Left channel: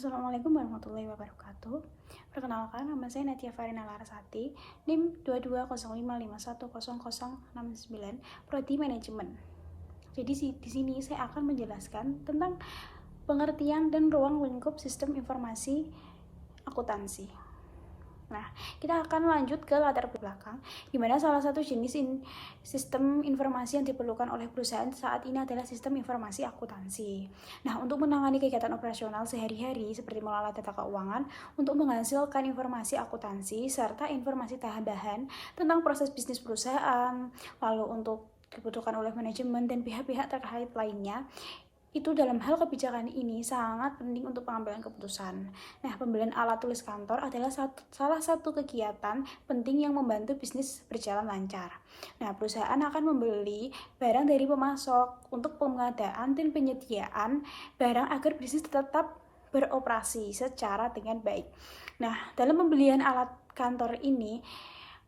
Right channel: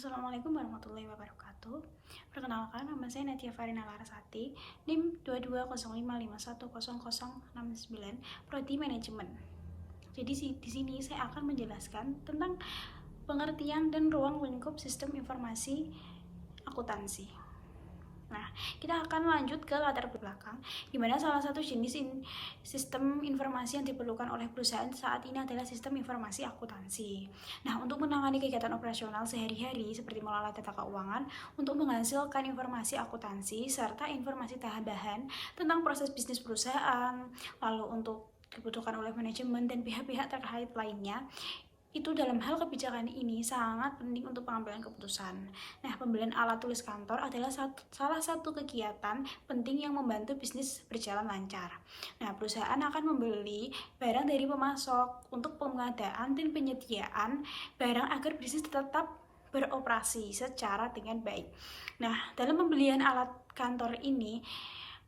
Assalamualaikum warahmatullahi wabarakatuh. Perkenalkan, nama saya Natia Farina Larasati, NIM 2205510069, Prodi Manajemen. Jadi di sini saya akan menjelaskan tentang pengertian dan ruang lingkup sistem informasi akuntansi. Nah, kita akan lanjut ke latar belakang, di mana salah satu jenis sistem informasi yang diperlukan oleh perusahaan saat ini adalah sistem informasi akuntansi. Nah, untuk menangani kegiatan operasional sehari-hari seperti mengelola data keuangan, untuk menghasilkan informasi akuntansi serta informasi tambahan tentang proses bisnis perusahaan, lalu untuk dibutuhkan oleh manajemen dan pihak-pihak terkait lainnya, itu dalam hal kebijakan ini sangat penting untuk pengambilan keputusan. Nah, pembelian alat tulis kantor adalah salah satu kegiatan penting yang membantu bisnis berjalan lancar. Nah, perusahaan akan membeli barang dari pemasok untuk pengadaan dan penyediaan barang agar bisnis tetap beroperasi secara dengan baik. Nah, dalam pembelian alat kantor ini,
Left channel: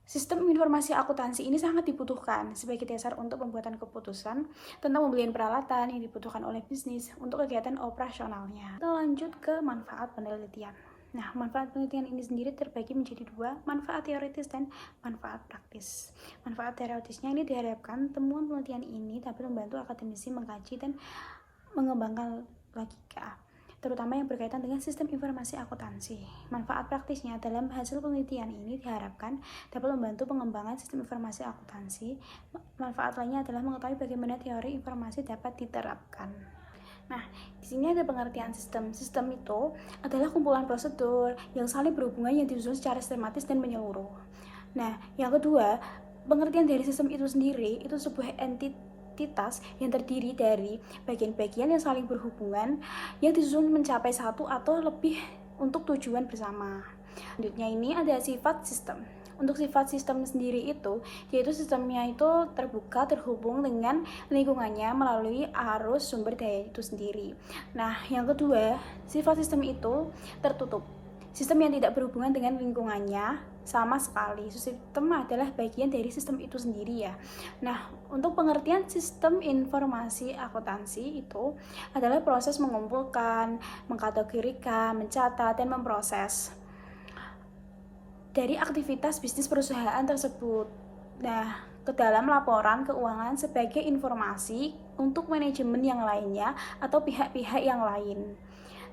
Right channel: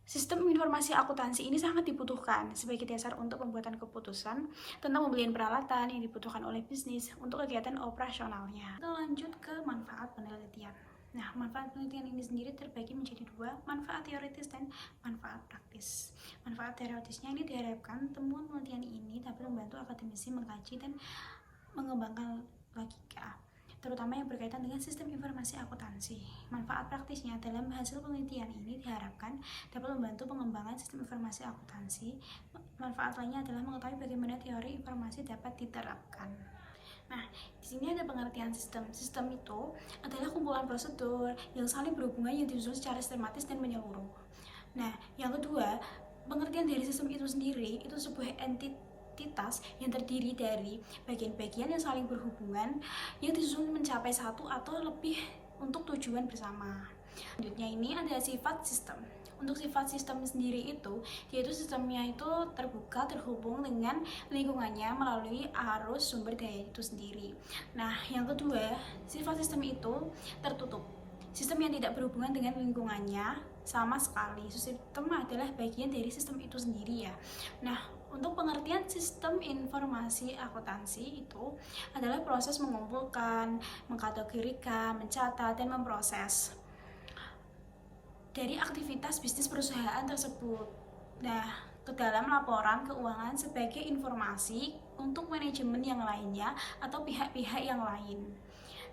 sistem informasi akuntansi ini sangat dibutuhkan sebagai dasar untuk pembuatan keputusan tentang pembelian peralatan yang dibutuhkan oleh bisnis untuk kegiatan operasionalnya. Kita lanjut ke manfaat penelitian. Nah, manfaat penelitian ini sendiri terbagi menjadi dua, manfaat teoritis dan manfaat praktis. Manfaat teoritisnya ini diharapkan temuan penelitian ini dapat membantu akademisi mengkaji dan mengembangkan logika, terutama yang berkaitan dengan sistem informasi akuntansi. Manfaat praktisnya dalam hasil penelitian ini diharapkan dapat membantu pengembangan sistem informasi akuntansi. Manfaat lainnya adalah mengetahui bagaimana teori informasi dapat diterapkan. Nah, di sini ada pengertian sistem. Sistem itu adalah kumpulan prosedur yang saling berhubungan yang disusun secara sistematis dan menyeluruh. Nah, yang kedua, pengertian dari sistem itu sendiri itu sebuah entitas yang terdiri dari bagian-bagian yang saling berhubungan yang disusun mencapai satu atau lebih untuk tujuan bersama. Selanjutnya ini ada sifat sistem. Untuk sifat sistem sendiri itu, yaitu sistemnya itu terbuka, terhubung dengan lingkungannya melalui arus sumber daya itu sendiri. Nah, yang kedua, sifat sistem itu tertutup. Sistem yang tidak berhubungan dengan lingkungannya sama sekali. Sistem adalah bagian dari sistem itu sendiri ya. Nah, untuk pengertian sistem informasi akuntansi itu adalah proses mengumpulkan, mengkategorikan, mencatat, dan memproses dari aktivitas bisnis perusahaan tersebut. Nah, ke dalam laporan keuangan sebagai informasi untuk manajemen yang lainnya atau pihak-pihak yang lain.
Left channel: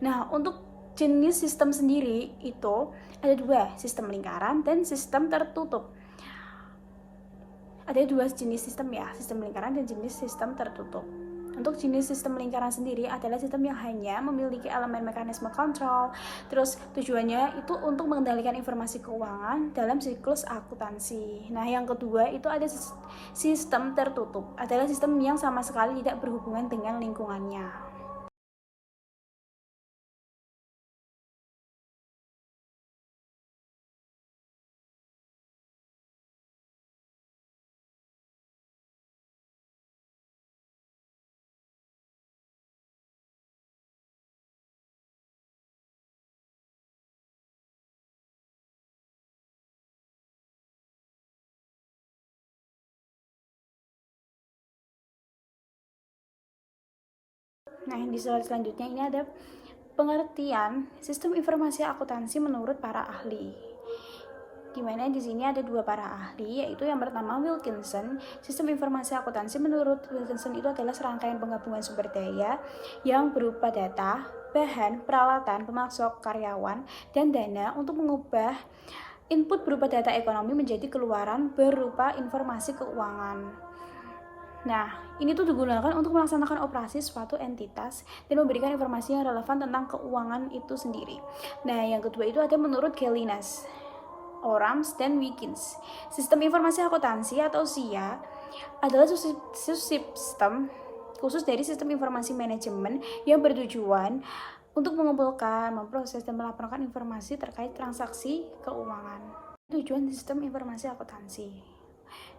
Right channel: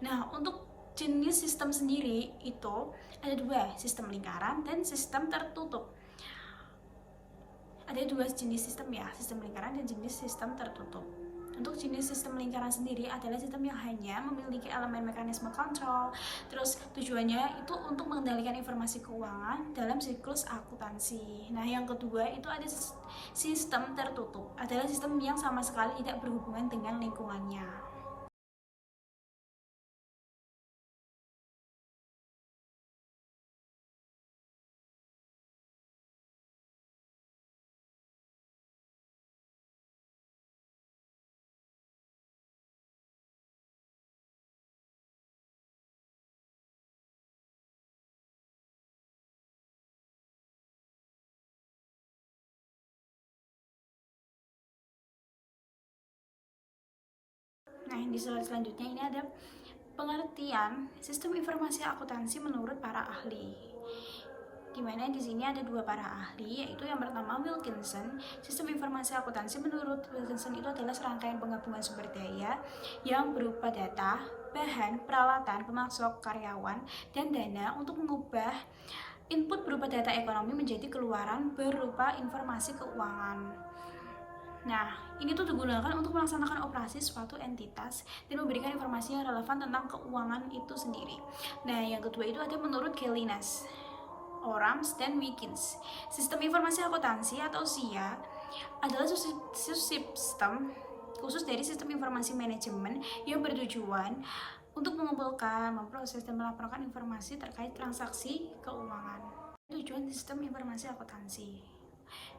Nah, untuk jenis sistem sendiri itu ada dua, sistem lingkaran dan sistem tertutup. Ada dua jenis sistem ya, sistem lingkaran dan jenis sistem tertutup. Untuk jenis sistem lingkaran sendiri adalah sistem yang hanya memiliki elemen mekanisme kontrol. Terus tujuannya itu untuk mengendalikan informasi keuangan dalam siklus akuntansi. Nah, yang kedua itu ada sistem tertutup. Adalah sistem yang sama sekali tidak berhubungan dengan lingkungannya. Nah, di slide selanjutnya ini ada pengertian sistem informasi akuntansi menurut para ahli. Dimana di sini ada dua para ahli, yaitu yang pertama Wilkinson. Sistem informasi akuntansi menurut Wilkinson itu adalah serangkaian penggabungan sumber daya yang berupa data, bahan, peralatan, pemasok, karyawan, dan dana untuk mengubah input berupa data ekonomi menjadi keluaran berupa informasi keuangan. Nah, ini tuh digunakan untuk melaksanakan operasi suatu entitas dan memberikan informasi yang relevan tentang keuangan itu sendiri. Nah, yang kedua itu ada menurut Gelinas, Orams, dan Wilkins. Sistem informasi akuntansi atau SIA adalah subsistem khusus dari sistem informasi manajemen yang bertujuan untuk mengumpulkan, memproses, dan melaporkan informasi terkait transaksi keuangan. Tujuan sistem informasi akuntansi.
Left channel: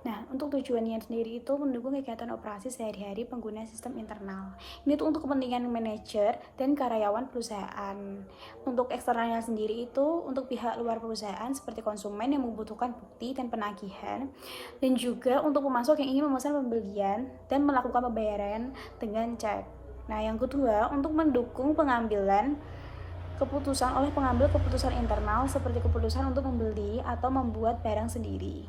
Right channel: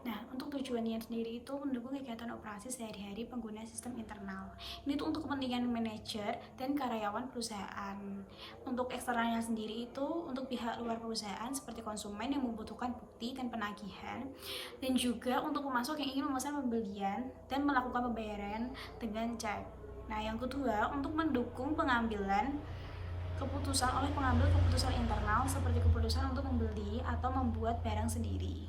Nah, untuk tujuannya sendiri itu mendukung kegiatan operasi sehari-hari pengguna sistem internal. Ini tuh untuk kepentingan manajer dan karyawan perusahaan. Untuk eksternalnya sendiri itu untuk pihak luar perusahaan seperti konsumen yang membutuhkan bukti dan penagihan, dan juga untuk pemasok yang ingin memesan pembelian dan melakukan pembayaran dengan cek. Nah, yang kedua untuk mendukung pengambilan keputusan oleh pengambil keputusan internal seperti keputusan untuk membeli atau membuat barang sendiri.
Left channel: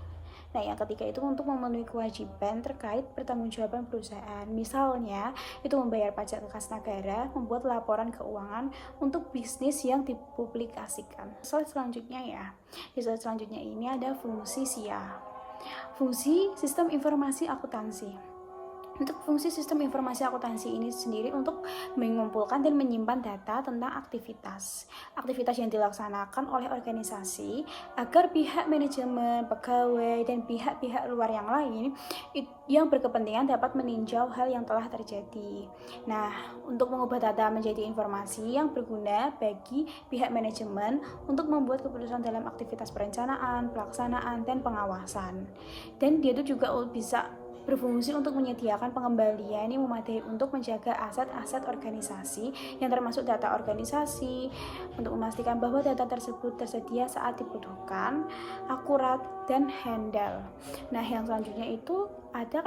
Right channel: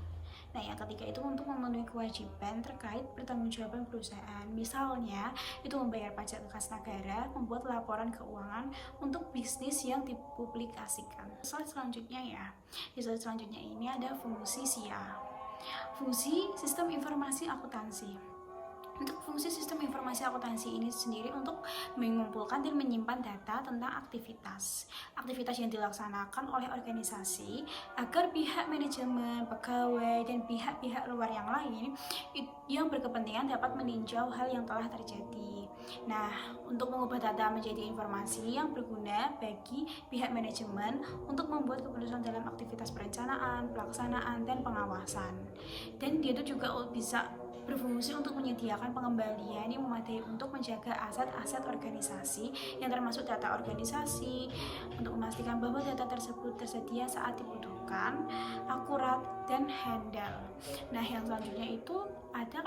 Nah, yang ketiga itu untuk memenuhi kewajiban terkait pertanggungjawaban perusahaan. Misalnya, itu membayar pajak ke kas negara, membuat laporan keuangan untuk bisnis yang dipublikasikan. Slide selanjutnya ya. Di slide selanjutnya ini ada fungsi SIA. Fungsi Sistem Informasi Akuntansi. Untuk fungsi sistem informasi akuntansi ini sendiri untuk mengumpulkan dan menyimpan data tentang aktivitas yang dilaksanakan oleh organisasi agar pihak manajemen, pegawai, dan pihak-pihak luar yang lain yang berkepentingan dapat meninjau hal yang telah terjadi. Nah, untuk mengubah data menjadi informasi yang berguna bagi pihak manajemen untuk membuat keputusan dalam aktivitas perencanaan, pelaksanaan, dan pengawasan. Dan dia itu juga bisa berfungsi untuk menyediakan pengembalian yang memadai untuk menjaga aset-aset organisasi yang termasuk data organisasi, untuk memastikan bahwa data tersebut tersedia saat dibutuhkan, akurat, dan handal. Nah, yang selanjutnya itu ada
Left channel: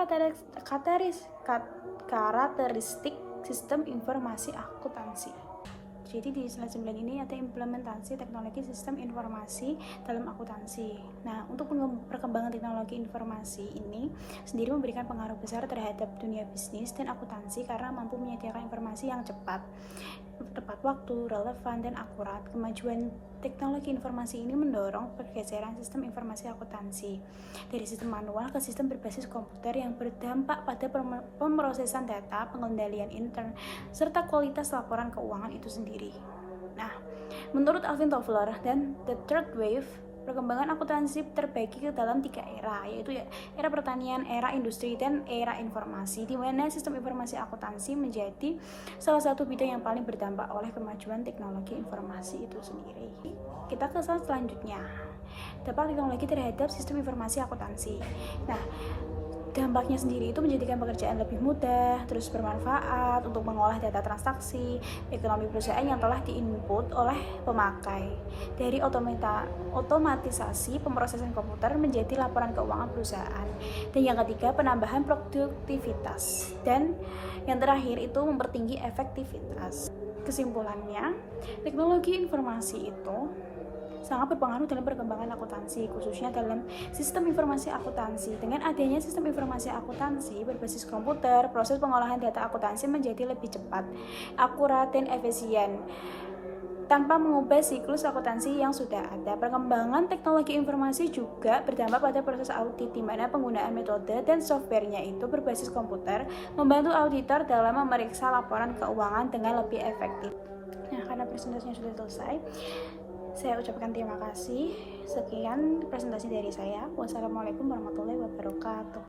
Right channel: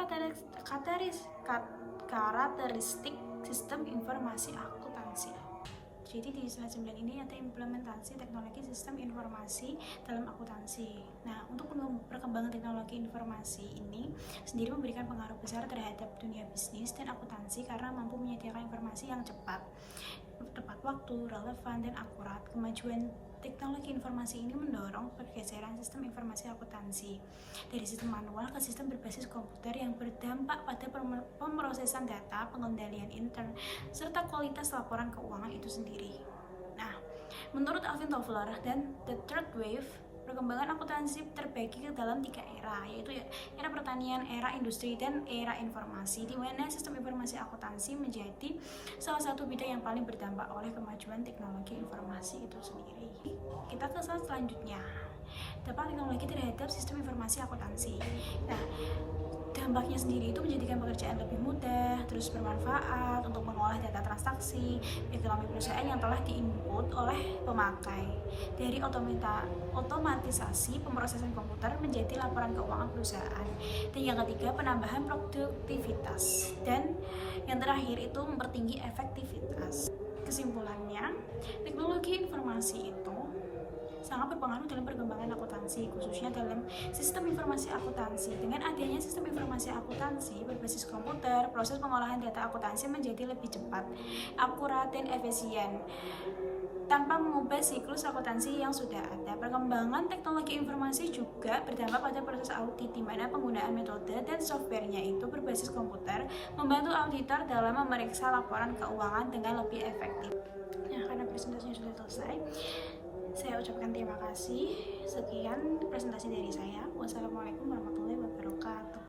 karakteristik sistem informasi akuntansi. Jadi di slide 9 ini ada implementasi teknologi sistem informasi dalam akuntansi. Nah, untuk perkembangan teknologi informasi ini sendiri memberikan pengaruh besar terhadap dunia bisnis dan akuntansi karena mampu menyediakan informasi yang cepat, tepat waktu, relevan, dan akurat. Kemajuan teknologi informasi ini mendorong pergeseran sistem informasi akuntansi dari sistem manual ke sistem berbasis komputer yang berdampak pada pemrosesan data, pengendalian intern, serta kualitas laporan keuangan itu sendiri. Nah, menurut Alvin Toffler dan The Third Wave, perkembangan akuntansi terbagi ke dalam 3 era, yaitu era pertanian, era industri, dan era informasi, di mana sistem informasi akuntansi menjadi salah satu bidang yang paling berdampak oleh kemajuan teknologi informasi itu sendiri. Kita ke slide selanjutnya. Dampak teknologi terhadap sistem informasi akuntansi. Nah, dampaknya sendiri itu menjadikan pekerjaan lebih mudah, terus bermanfaat untuk mengolah data transaksi ekonomi perusahaan yang telah diinput oleh pemakai. Dari otomatisasi pemrosesan komputer menjadi laporan keuangan perusahaan. Dan yang ketiga, penambahan produktivitas. Dan yang terakhir itu mempertinggi efektivitas. Kesimpulannya, teknologi informasi itu sangat berpengaruh dalam perkembangan akuntansi, khususnya dalam sistem informasi akuntansi. Dengan adanya sistem informasi akuntansi berbasis komputer, proses pengolahan data akuntansi menjadi lebih cepat, akurat, dan efisien tanpa mengubah siklus akuntansi yang sudah ada. Perkembangan teknologi informasi juga berdampak pada proses audit, di mana penggunaan metode dan softwarenya itu berbasis komputer membantu auditor dalam memeriksa laporan keuangan dengan lebih efektif. Nah, karena presentasinya sudah selesai, saya ucapkan terima kasih. Sekian presentasi dari saya. Wassalamualaikum warahmatullahi wabarakatuh.